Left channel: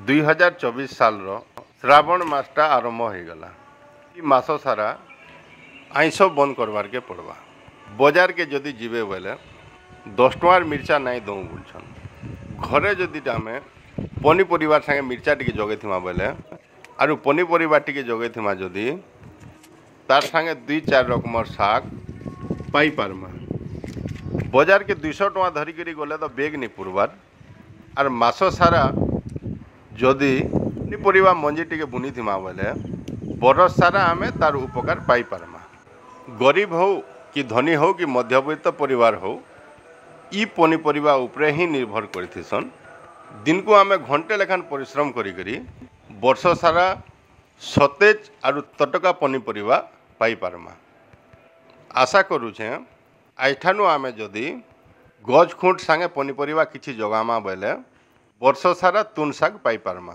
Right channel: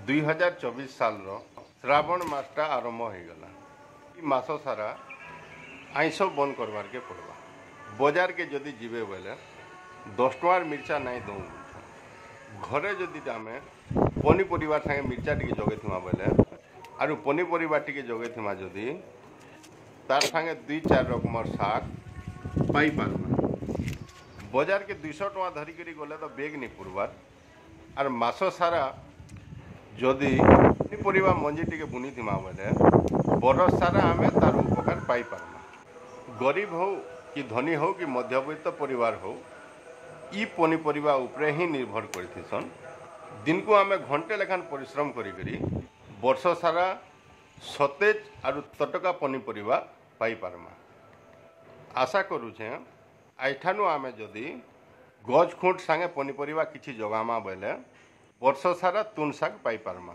2024 साल श्रावण मासटा आरंभ हो गला। मास सारा आइंस बंद करवार के पड़वा। बाजार के जदि जीवे बोले 10 टंकार मिर्चा नहीं दऊ बोलछन। घरे जदि आम पनीपरिया संगे मिर्चा टी जगे बोले आरु पनीपरिया टी जगे जदि तार संगे 2-4 रकम शाग पाई पारमा। बाजार के 200 टंका धरिक गले तो बेग नहीं पुरबार। आर मास सारा जदि पनीपरिया मंजी टी बुनी बोले बरस सारा आम तार उपकार पाई पारमा। गरीब हो कि धनी हो कि मध्यवित्त परिवार हो ई पनीपरिया उपरे ही निर्भर करथिसन। दिन को आम घंटे लेखान परिश्रम करी वर्ष सारा सतेज आरु तटका पनीपरिया पाई पारमा। आशा करुछे आइठानु आमे जदि गज खुंट संगे पनीपरिया किछि जगामा बेले वर्ष सारा तुन शाग पाई पारमा।